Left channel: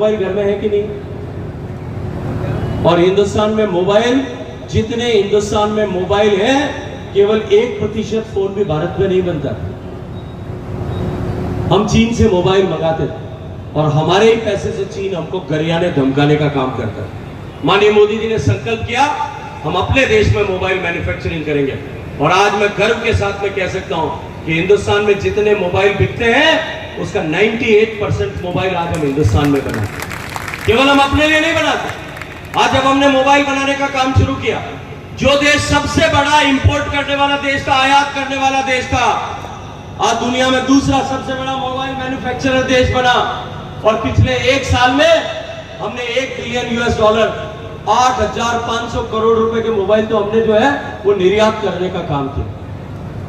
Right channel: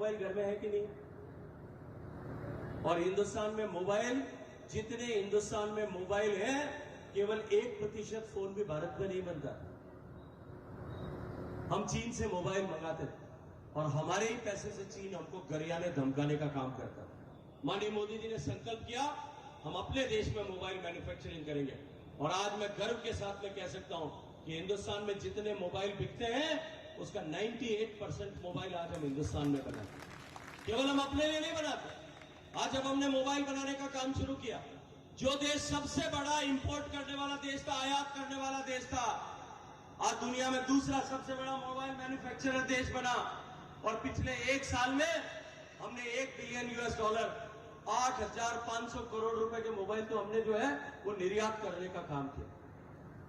Mobile घर में है कि नहीं? और हिंदुस्तान में मोबाइल, जितने हिंदुस्तान में मोबाइल है, केवल 1% फोन भी भारत में नहीं बनता। हम चीन से मोबाइल मंगाते थे और हमारे ही पैसे से चीन हमको गरियाने धमकाने का काम करता है। माननीय मोदी जी ने संकल्प किया, हम अपने देश में मोबाइल मैन्युफैक्चरिंग करेंगे। और आज मैं गर्व के साथ में कह सकता हूं कि हिंदुस्तान में जितने मोबाइल बिकते हैं, उसका 98% मोबाइल आज हम हिंदुस्तान में बनाते हैं। केवल हम अपने लिए नहीं बनाते। आज जब हमने मोबाइल बनाने का काम शुरू किया, जो देश सबसे बड़ा इंपोर्ट करने वाला देश था, आयात करने वाला देश था, आज दुनिया में दूसरा सबसे बड़ा मोबाइल मैन्युफैक्चरर देश बना। और पिछले 1 साल में हमने $1 बिलियन 8,500 करोड़ रुपए के मोबाइल तो हमने जो है वो निर्यात करने का काम किया।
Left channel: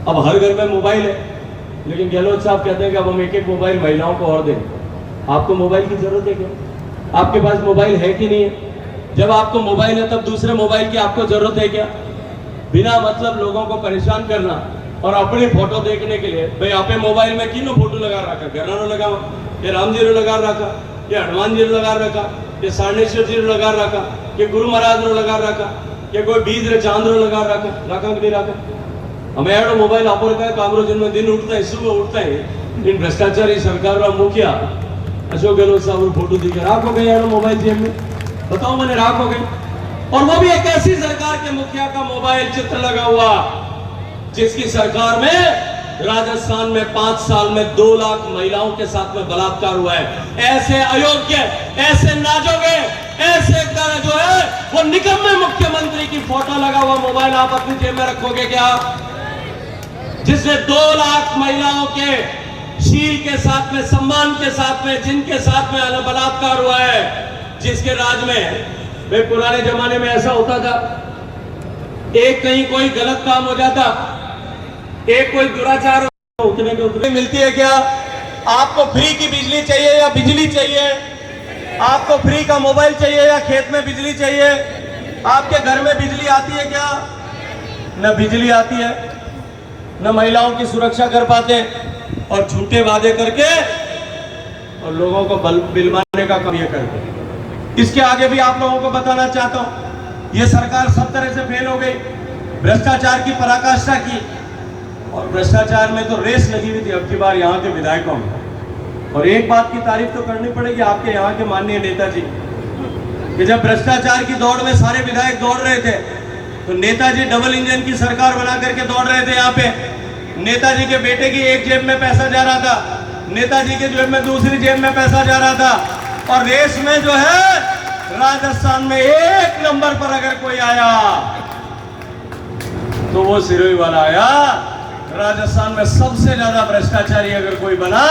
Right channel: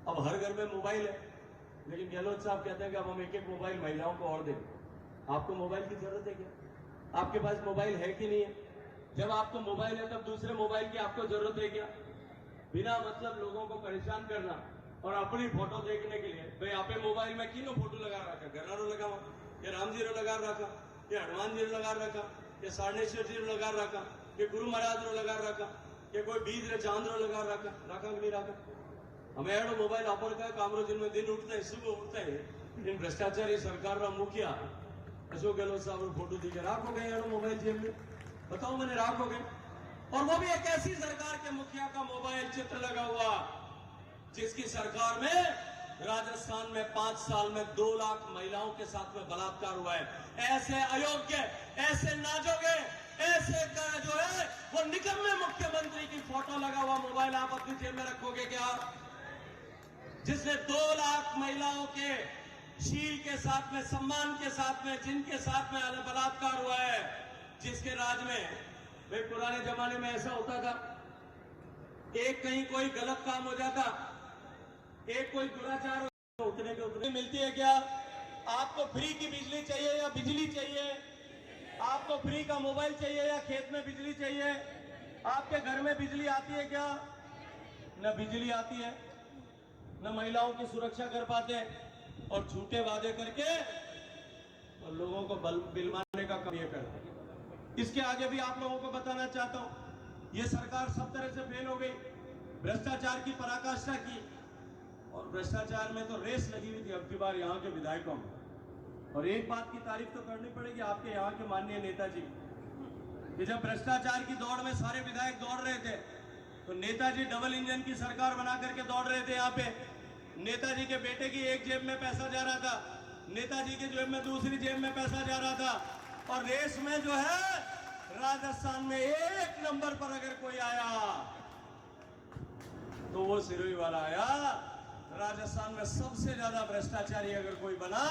अब हर घर में मोबाइल है, लेकिन गहलोत साहब कहते हैं कि अब हम एक मोबाइल महिलाओं को और देंगे। आपको मोबाइल की जरूरत है क्या? आपके पास मोबाइल है कि नहीं है? जब आपको मोबाइल है तब दूसरे मोबाइल की आपको जरूरत है क्या? बिना मतलब लोगों को परेशान करना और अपनी फोटो देखने के लिए, भाई आपे मोबाइल में किनो फोटो लगा रखा, घरानो लगा, ये राम जी लगा रखा, ये हनुमान जी लगा रखा, ये सारणेश्वर जी लगा रखा, ये गुरु महाराज लगा रखा, ये कोई बीज रे चांद लगा रखा कि नहीं रखा? हमें एडो मोबाइल ऑफर का कामरो जिनमें दिन उठता है, सुबह उठता है, इन भ्रष्टाचारी सरकार का मुखिया अशोक गहलोत साहब फोटो दिखा राखो गए एडो मोबाइल जेब में, बताओ मैंने राखो गए। और वो भी एक ऐसी सरकार के मुखिया का मोबाइल चित्र लगा हुआ, जिसकी सरकार में राजस्थान में 5 साल में 2 लाख महिलाओं के साथ में बलात्कार हुआ है। ऐसे अयोग्य, ऐसे नाजोगे, ऐसे जो है वो निकम्मे मुख्यमंत्री की फोटो लगा हुआ मोबाइल आप अपनी जेब में रखोगे क्या? जिसने 2 लाख महिलाओं के शील के साथ में, सम्मान के साथ में, जिनके साथ में बलात्कार हुआ है, जिसके राज में वे पुराने जमाने में ऐसा होता था, एक कहीं कोई गलत काम हो जाता, एक कोई दुराचार उतने के उतने मिलती है क्या? आपको फ्री की बिजली चाहिए या बिजली चाहिए? आपको फ्री का मोबाइल चाहिए या खेत में बिजली चाहिए? आपके घर में बिजली आती है क्या? न बिजली आती है, न महिलाओं की सुरक्षा कर पाते, और झूठे वादे करके और लोगों को बिलवाने का काम ये करते। इसके आगे भी आप लोगों को बताना चाहता हूं, ये सरकार सब तरह से फेल हो गई। भ्रष्टाचार की पराकाष्ठा की, और भ्रष्टाचार में तो रेस लगी हुई थी अब की बार यहाँ के विधायकों में। और एक बात की तारीफ तो करनी पड़ेगी आपके यहाँ के माननीय नेताजी कि जब भ्रष्टाचार की दौड़ में सारे विधायक दौड़ रहे थे, तो नेताजी डबल इंजन की सरकार बना करके दौड़ रहे थे। यहाँ पे नेताजी के बेटे की एक जेब में पैसा जा रहा था, नेताजी के जेब में दूसरी जेब में पैसा जा रहा था, और रेस में जो है राजस्थान में 1 नंबर पर अगर कोई आया तो वो सिरोही वाला आया। राजस्थान में सबसे ज्यादा भ्रष्टाचारी अगर कोई बना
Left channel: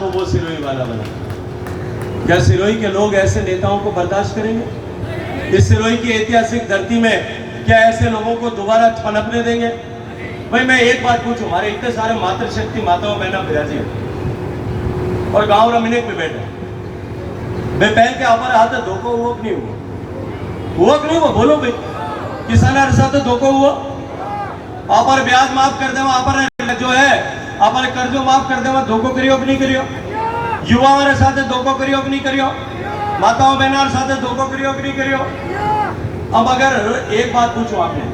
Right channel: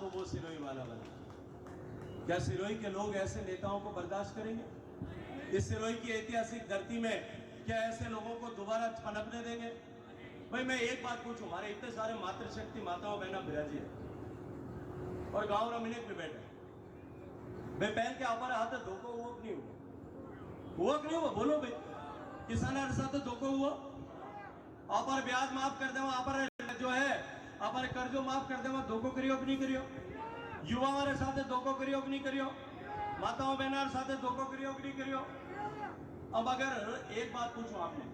तो वो सिरोही वाला बना। क्या सिरोही के लोग ऐसे नेताओं को बर्दाश्त करेंगे? इस सिरोही की ऐतिहासिक धरती में क्या ऐसे लोगों को दोबारा पनपने देंगे? भाई मैं एक बात पूछूं, हमारे इतने सारे मातृशक्ति माताओं बहना बिराजी और गांव रमिनेक में बैठे, मैं पहल के हमारे हाथ धोखा हुआ नहीं हुआ? हुआ कि नहीं हुआ? बोलो भाई, किसाना साथ धोखा हुआ? आप ब्याज माफ कर दे, आप जो है आप कर्जो माफ कर दे, धोखो करियो कि नहीं करियो? युवा हमारे साथ धोखो करियो कि नहीं करियो? माताओं बहना साथ धोखो करियो कि नहीं करियो? अब अगर एक बात पूछो आपने,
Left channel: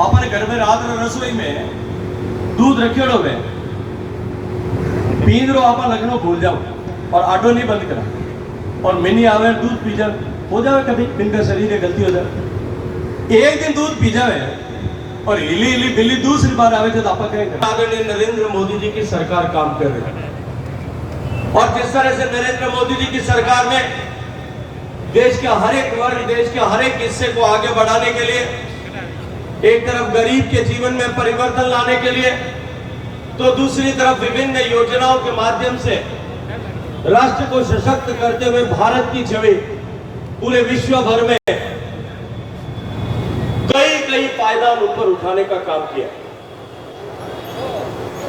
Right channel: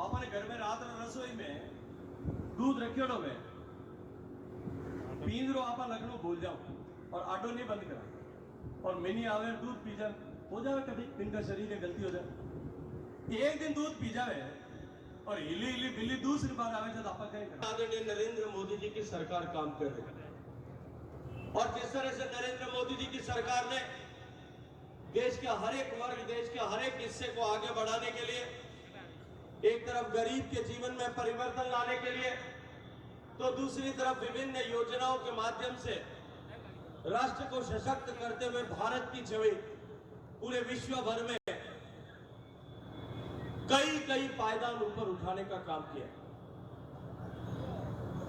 आपने घर में रात रसोई में दूध रखियो है, पीन रो आप लगनो भूल जाओ और आटो नहीं बंद करा और मिनी आवे दूध पी जाए, हो जाए कभी इनका शरीर में गलती हो जाए, एक दिन दूध पी जाए और हिली हिली बिल्ली दूसरी बार आवे तो आप कहेंगे। आदरणीय नरेंद्र मोदी जी की सरकार काम कर रही है, और जिस तरह से नरेंद्र मोदी जी की सरकार ने देश के हर एक वर्ग, देश के हर एक हिस्से को आगे बढ़ाने के लिए, एक तरफ गरीब के जीवन में परिवर्तन लाने के लिए, तो दूसरी तरफ विभिन्न योजनाओं के माध्यम से राष्ट्र को सशक्त करते हुए भारत की छवि पूरे विश्व भर में कई पायदान ऊपर उठाने का काम किया।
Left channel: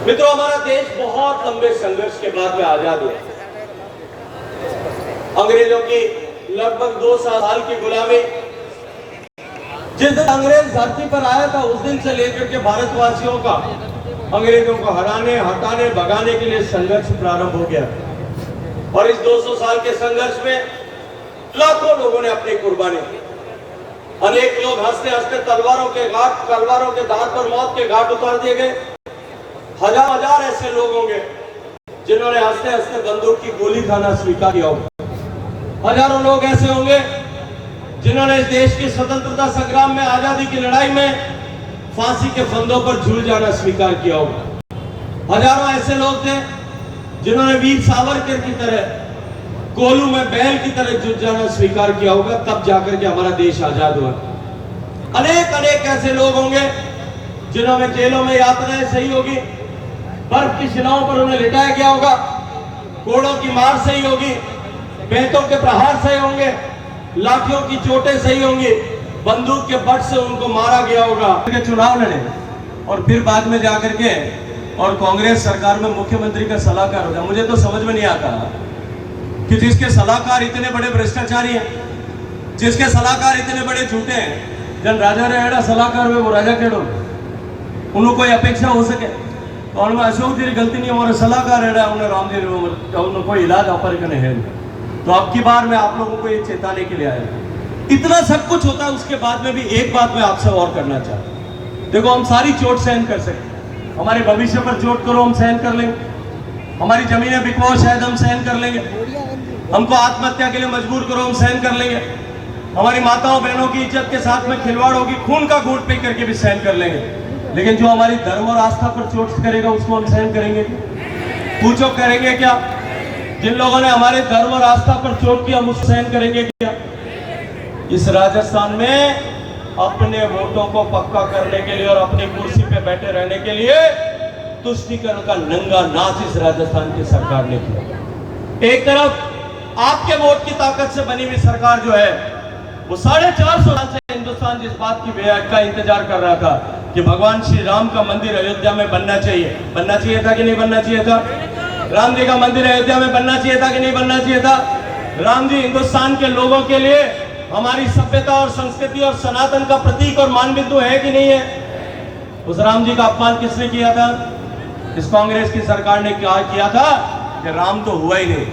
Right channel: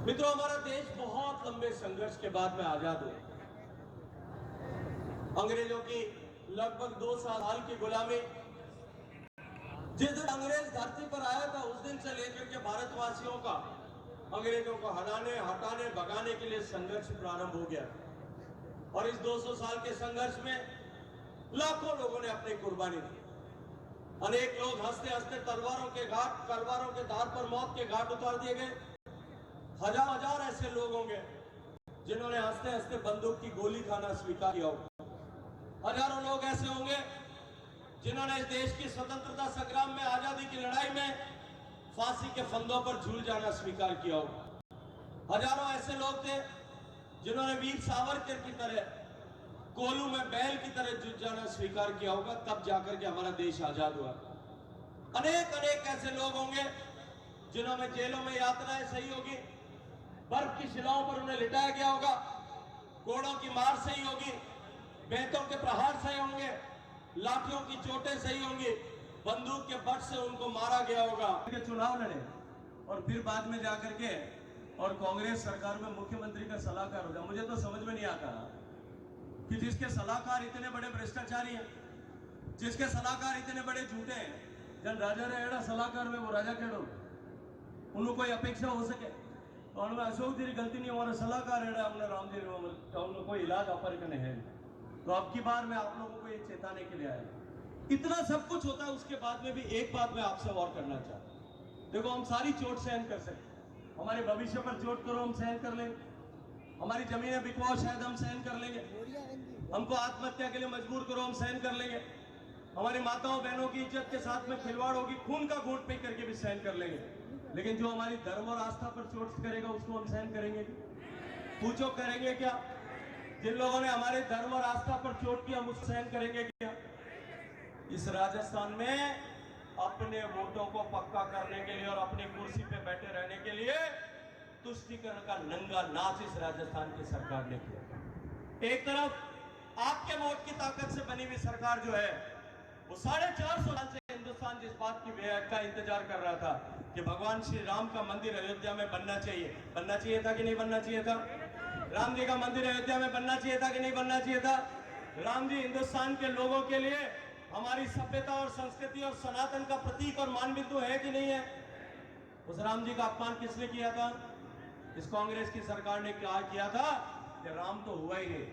मित्रों, हमारा देश बहुत लंबे संघर्ष के बाद में आजाद हुआ। अंग्रेजों की लगभग 2 साल की गुलामी, जिस दिन अंग्रेज धरती पर आया था उस दिन से लेकर के भारतवासियों का अंग्रेजों को हराने, हटाने, भगाने के लिए संघर्ष प्रारंभ हो गया। और इस 200 साल के संघर्ष में लाखों लोगों ने अपनी कुर्बानी दी। अनेक लोग हंसते हंसते तलवारों के धार पर मौत के घाट उतार दिए गए। हजार हजार ऐसे लोग होंगे जिन्होंने हंसते हंसते बंदूक की गोली खाना स्वीकार किया होगा। हजारों लोग ऐसे होंगे जिन्होंने इस देश की स्वतंत्रता संग्राम में, आजादी की लड़ाई में फांसी के फंदों पर झूल जाना स्वीकार किया होगा। हजारों ऐसे लोग थे जिन्होंने वीर सावरकर की तरह कोलू में बैल की तरह जुट जाना स्वीकार किया होगा, तब जाकर के हमारा देश आजाद हुआ। अनेक अनेक ऐसे लोग होंगे जिन्होंने जेलों में यातनाएं सही होगी, बर्फ की शिलाओं पर उन्हें लिटाया गया होगा, कोड़ों की मार सही होगी, बेंतों के प्रहार सही होंगे, लाठियों की चोटें सही होंगी, बंदूक के बट से उनको मारा गया होगा। चुनाव लड़े और फिर बाद में जाकर के और कांग्रेस सरकार में मुख्यमंत्री का सलाहकार हो गया। मुझे तो समझ में नहीं आता कि जिसके सलाहकार इतने बड़े भ्रष्टाचारी हैं, जिसके सलाहकार इतने बड़े झूठे हैं, जन राजा रहेड़ा सलाहकार हुए वो राजा केड़ो उन्होंने कोई अपेक्षा हो सके तो उनमें अशोक जी गलती नहीं, हमारे सलाहकार रहेड़ा उन्हें राम जी उन्होंने कोई इलाज अपर करने है। तो अब की बार मैं आप लोगों को ये चेताने के लिए आया। इतना सब कुछ होता है, उसके बाद में भी एक बात मैं आपसे और करना चाहता हूं। देखो, हम सारी चोट सहन कर सकते, हमारे भविष्य पर चोट करो हम सहन कर लेंगे, हमारी जमीनें बिकवाओ शायद हम सहन कर लेंगे, हमको आत्महत्या के लिए मजबूर करो हम सहन कर लेंगे, हमारी माताओं बहनों की इज्जत के साथ में खिलवाड़ होगी, खून का घूंट पी करके भी सहन कर लेंगे। लेकिन जो हमारी धर्म और आस्था पर चोट करेगा उसको हम सहन करेंगे? पूछो, करेंगे क्या? जिन लोगों ने हमारे धर्म और आस्था पर चोट किया हम उसको सहन करेंगे क्या? इस राजस्थान में अपने वोटों को पक्का करने के लिए और अपनी कुर्सी पे बैठे रहने के लिए तुष्टीकरण का नंगा नाच इस राजस्थान की सरकार ने किया। एक तरफ आपके वोट की ताकत से बनी हुई सरकार जो है वो 450 साल से हिंदुस्तान जिस बात की का इंतजार कर रहा था कि भगवान श्री राम का मंदिर अयोध्या में बनना चाहिए था कि नहीं बनना चाहिए था? राम जी का मंदिर अयोध्या में बनना चाहिए था कि नहीं बनना चाहिए था? राम जी हिंदुस्तान के लोगों के लिए हमारी सभ्यता और संस्कृति और सनातन का प्रतीक और मान बिंदु है कि नहीं है? उस राम जी का अपमान किसने किया था? इस कांग्रेस की सरकार ने क्या किया था कि राम तो हुआ ही नहीं।